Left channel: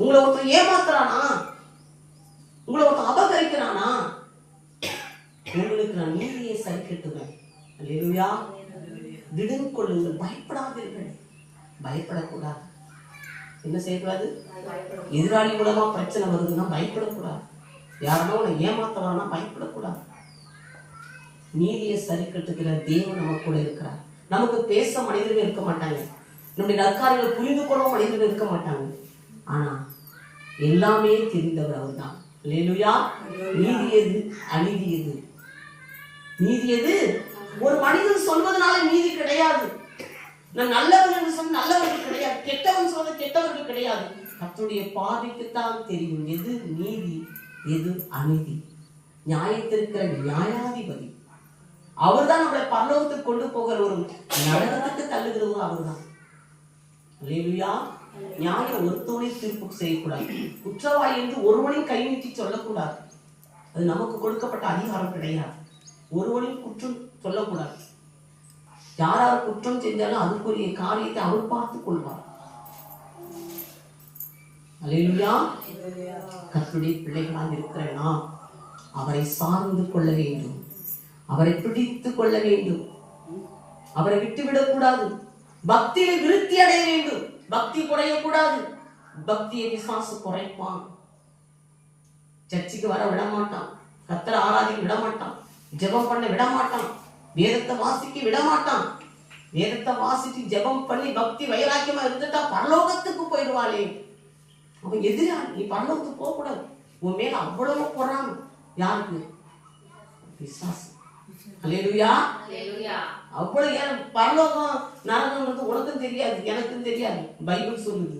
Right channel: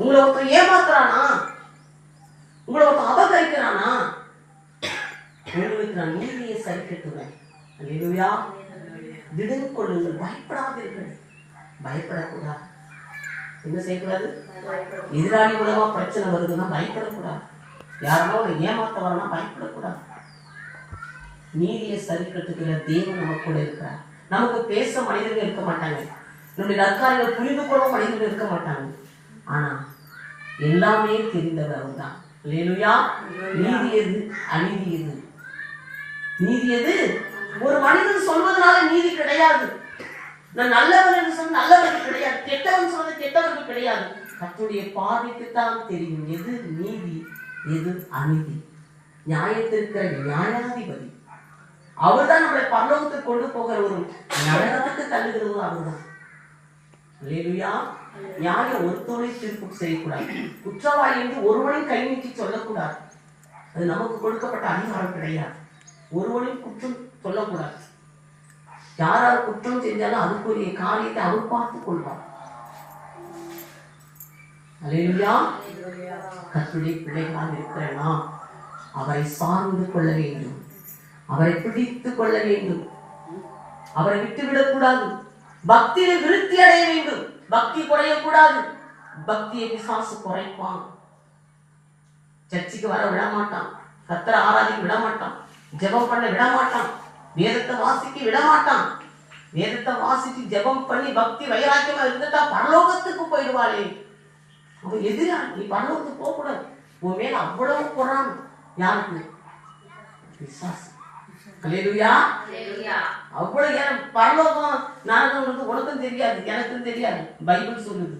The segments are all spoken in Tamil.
உங்களை ஒருத்தர் ஏமாத்துறானா, உங்களை ஒருத்தர் அபகரிக்கிறானா, உங்களுக்கு நான் நீதியை சரி கட்டுவேன். அல்லேலூயா. திடன் கொள்ளுங்கள், பயப்படாதீர்கள். பயப்படக்கூடாது. என்ன செய்யக்கூடாது? எதிராளி மூலமா பிரச்சனை வருதுன்னா பயப்படக்கூடாது. யாருன்னா உன்னை ஏமாத்த வரனா பயப்படக்கூடாது. நீதியை சரி கட்டுகிற தேவன் நம்ம கூட இருக்கிறார். நமக்கு பேச மனிதர்கள் இருக்க மாட்டாங்க, நம்முடைய நற்காரியங்கள் புரிந்து கொள்ள மனிதர்கள் இருக்க மாட்டாங்க. ஆனா எல்லாமே தெரிந்தவர் அவர் தான். அல்லேலூயா. நீதி எது, அநீதி எது? நீதி எது? ஒரு மனிதன் சொல்வதனால நீதி கிடையாது. நான் நல்லவன் என்று சொன்ன நல்லவர்கள் கிடையாது, கெட்டவன் சொல்வது கெட்டவர்கள் கிடையாது. கர்த்தருடைய பார்வைக்குத்தான் தெரியும் எது நீதி எது அநீதி. நியாயத்திற்கிற நியாயாதிபதி அவர்தான் நம்மளை பரலோகத்துக்கு கொண்டு போகிற, ஒரு நரகத்துக்கு தள்ளுகிறவர் அவர்தான். அல்லேலூயா. நியாயம் ஒருத்தவனை தீர்ப்பு செய்யக்கூடாது. குற்றவாளி என்று ஒருவனையும் கை நீட்டி சொல்லக்கூடாது. அது நமக்கு கொடுக்கப்பட்ட அதிகாரம் கிடையாது. ஒருவனையும் குற்றம் சொல்லக்கூடாது. யாராவது குற்றம் செஞ்சாலும் அதுக்குரிய காரியத்தை அவர் பார்த்துக் கொள்வார். அல்லேலூயா. கர்த்தருடைய பிள்ளைகளாக இருக்கிற நாம் அவரை சார்ந்து கொள்ள வேண்டும், அவரை பிடித்துக் கொள்ள வேண்டும், அவரை விட்டுவிடக் கூடாது. பக்தியை விருத்தி அடைய வேண்டும், பக்தி குறையக்கூடாது. பக்தியை பிசாசு குறைப்பான். சர்ச்சைக்கு வர விட மாட்டான், கர்த்தரை ஆராதிக்க விட மாட்டான், ஜெபம் பண்ண விட மாட்டான், வேதத்தை வாசிக்க விட மாட்டான். வேதத்தை வாசிச்சு ஜெபம் பண்ணி பக்தி வைராக்கியமா இருந்துட்டா பரலோகத்துக்கு போயிடுவாளே. அவன் எதிரா நீ பரலோகத்துக்கு போக கூடாது. உன் மேல அவ்வளவு பொறாமை. யாருக்கு? பிசாசு. அல்லேலூயா. அவ்வளவு ஏன் பரலோகம் நரகம் உனக்கும் தெரியாது, எனக்கும் தெரியாது. பைபிள் சொல்லுது.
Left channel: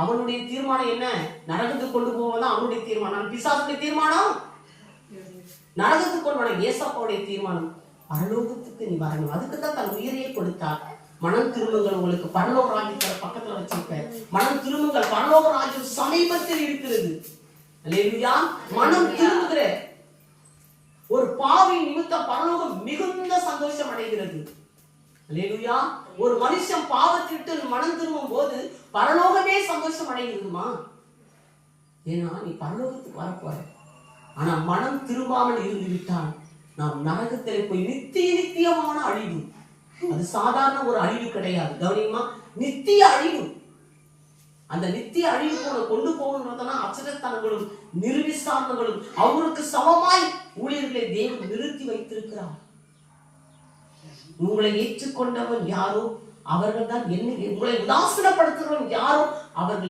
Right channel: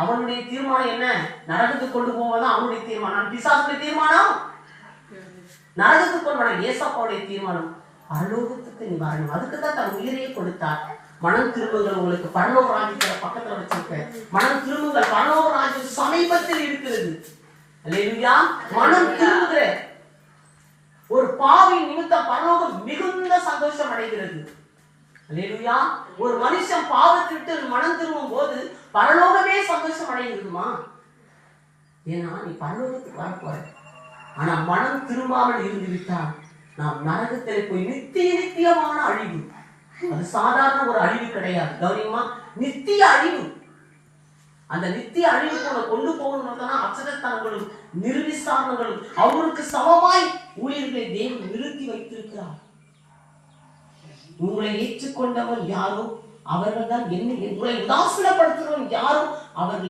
அவனுடைய தீர்மானம் என்ன? நரகத்துக்கு கொண்டு போவதான் அவனுடைய தீர்மானம். பிசாசுடைய தீர்மானம் நரகத்துக்கு கொண்டு வர. ஏசப்பாவுடைய தீர்மானம் பரலோகத்துக்கு நீ வரணும். அதுக்குதான் தன் உயிரையே கொடுத்தார். மனம் திரும்புங்கள், உங்களுக்கு பரலோக ராஜ்யத்தை பக்கத்துல வச்சிருக்க. மனம் திரும்புங்கள், பரலோக ராஜ்யம் சமீபத்தில் இருக்கிறது. அல்லேலூயா. மனம் திரும்புகிற ஒரு பாவி நிமித்தம் பரலோகம் மிகுந்த சந்தோஷம் அடைகிறது. அல்லேலூயா. ஒரு மனுஷன் பாவத்திட்டு மனம் திரும்பும் போது பரலோகமே சந்தோஷம் அடைகிறதுமா? ஏன்னா நீ பரலோகத்துக்கு வரப்போற. ஆனா மனம் திரும்பாமல் இருந்து விட்டால் நாம் நரகத்திலே போய் நித்தியமான அழிவு. அது சாதாரண ஒரு அழிவு கிடையாது. கவனியமா, நித்திய அழிவு. அந்த நித்திய அழிவுக்கு கொண்டு போகணும்னா அச்சரத்தனங்களும் நிர்விசாரங்களும் அவருக்கு சமமாய் ஊழியர்களை தேவன் நிறுத்தி வைத்திருக்கிறார். உங்களை ஏற்றுக்கொண்டவன் யாரோ அவர்கள் தான் என்ன, உங்களை உதாசீனப்படுத்துகிறவன் யாரோ அவர்கள்